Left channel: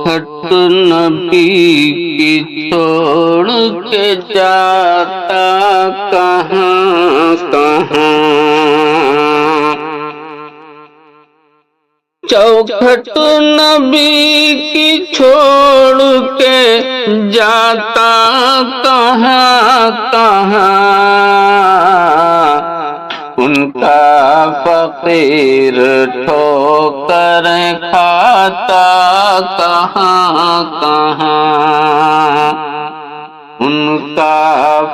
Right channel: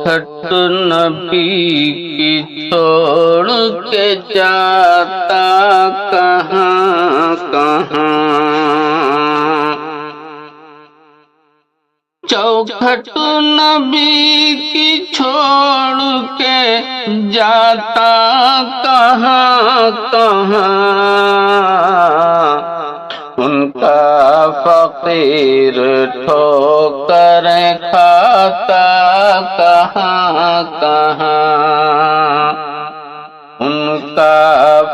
چوکھٹ نبی کی چھوڑ کے جاتا کہاں کہاں، چوکھٹ نبی کی چھوڑ کے جاتا کہاں کہاں، ان کا فقیر ٹھوکر کھاتا کہاں کہاں، ان کا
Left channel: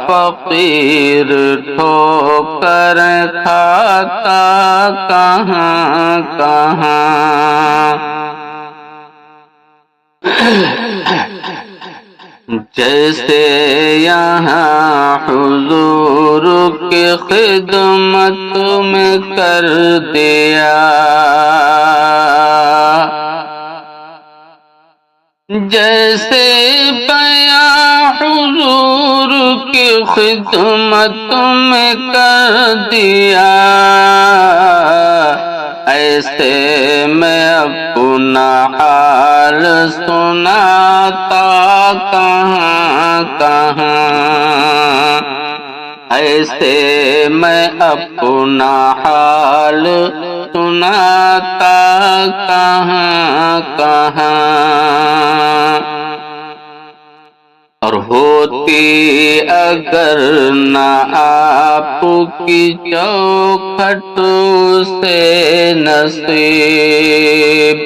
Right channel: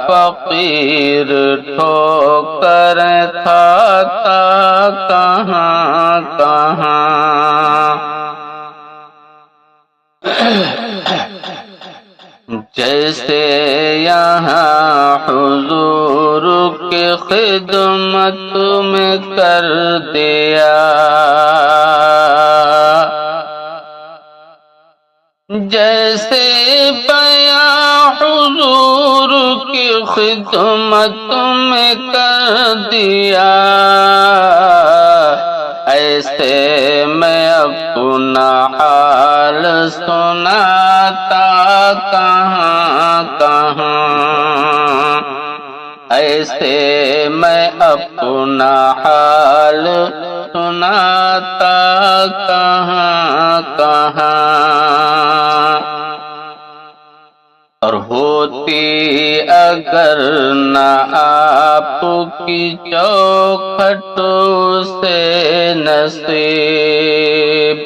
فقیر ٹھوکر کھاتا کہاں کہاں۔ جیسے یہاں حضور کی خدمت میں کر دیا، جیسے بیاں حضور کی خدمت میں کر دیا، ایسے میں اپنا حال سناتا کہاں کہاں، ایسے میں اپنا حال سناتا کہاں کہاں۔ اور ہوتی اگر نہ آپ کی چوکھٹ سے نصیب،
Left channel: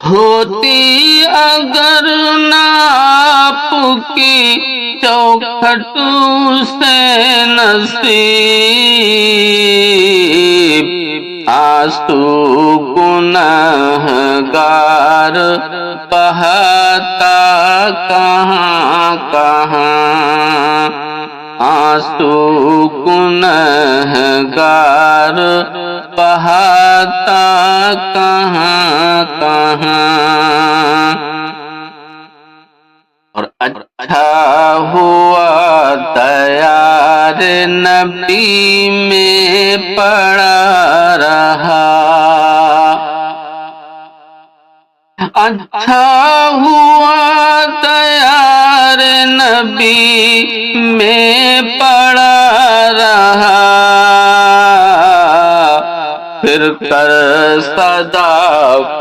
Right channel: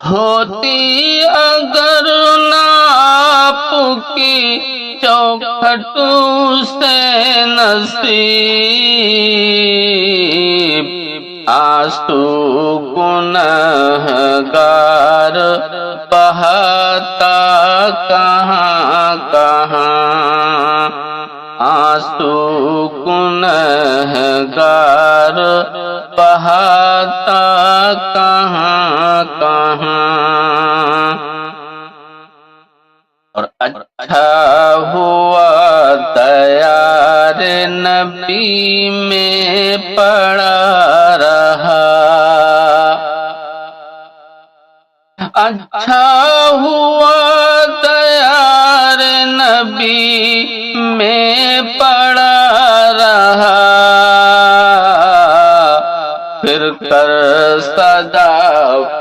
ہوتی اگر نہ آپ کی چوکھٹ سے نصیب، آنسو گنہگار بہاتا کہاں کہاں، آنسو گنہگار بہاتا کہاں کہاں۔ اور اچھا ہوا دیار نبی میں پڑا رہا، اچھا ہوا دیار نبی میں پڑا رہا، پھر کر صدا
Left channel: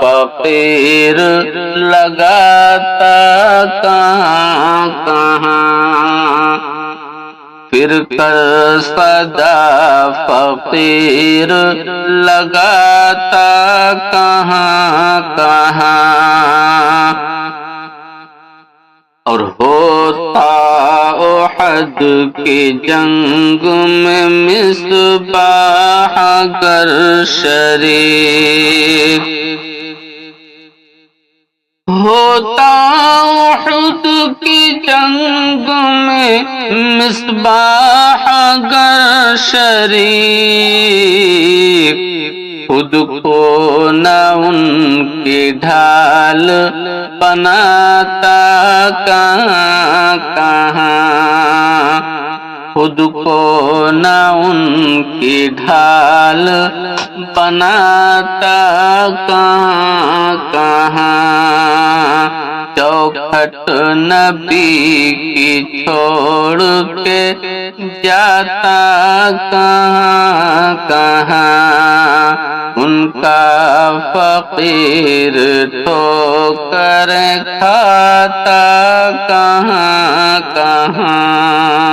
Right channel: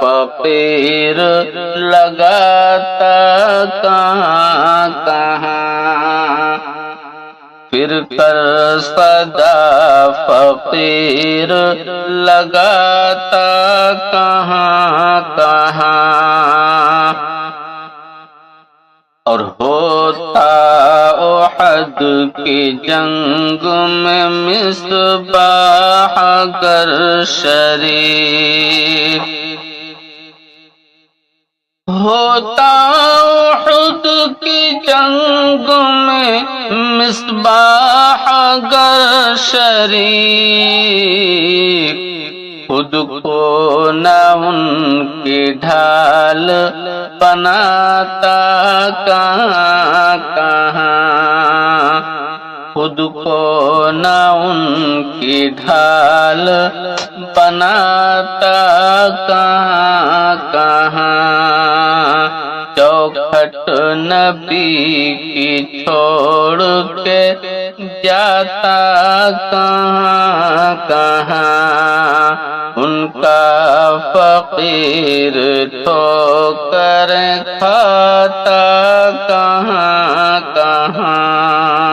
فقیر لگاتا کہاں کہاں، پھر کر صدا فقیر لگاتا کہاں کہاں۔ اور ہوتا احد کی جنگ میں مصباح اگر شریک، ہوتا احد کی جنگ میں مصباح اگر شریک، خود کو نہ ان کی ڈھال بناتا کہاں کہاں، خود کو نہ ان کی ڈھال بناتا کہاں کہاں، چوکھٹ نبی کی چھوڑ کے جاتا کہاں کہاں، ان کا فقیر ٹھوکر کھاتا کہاں کہاں۔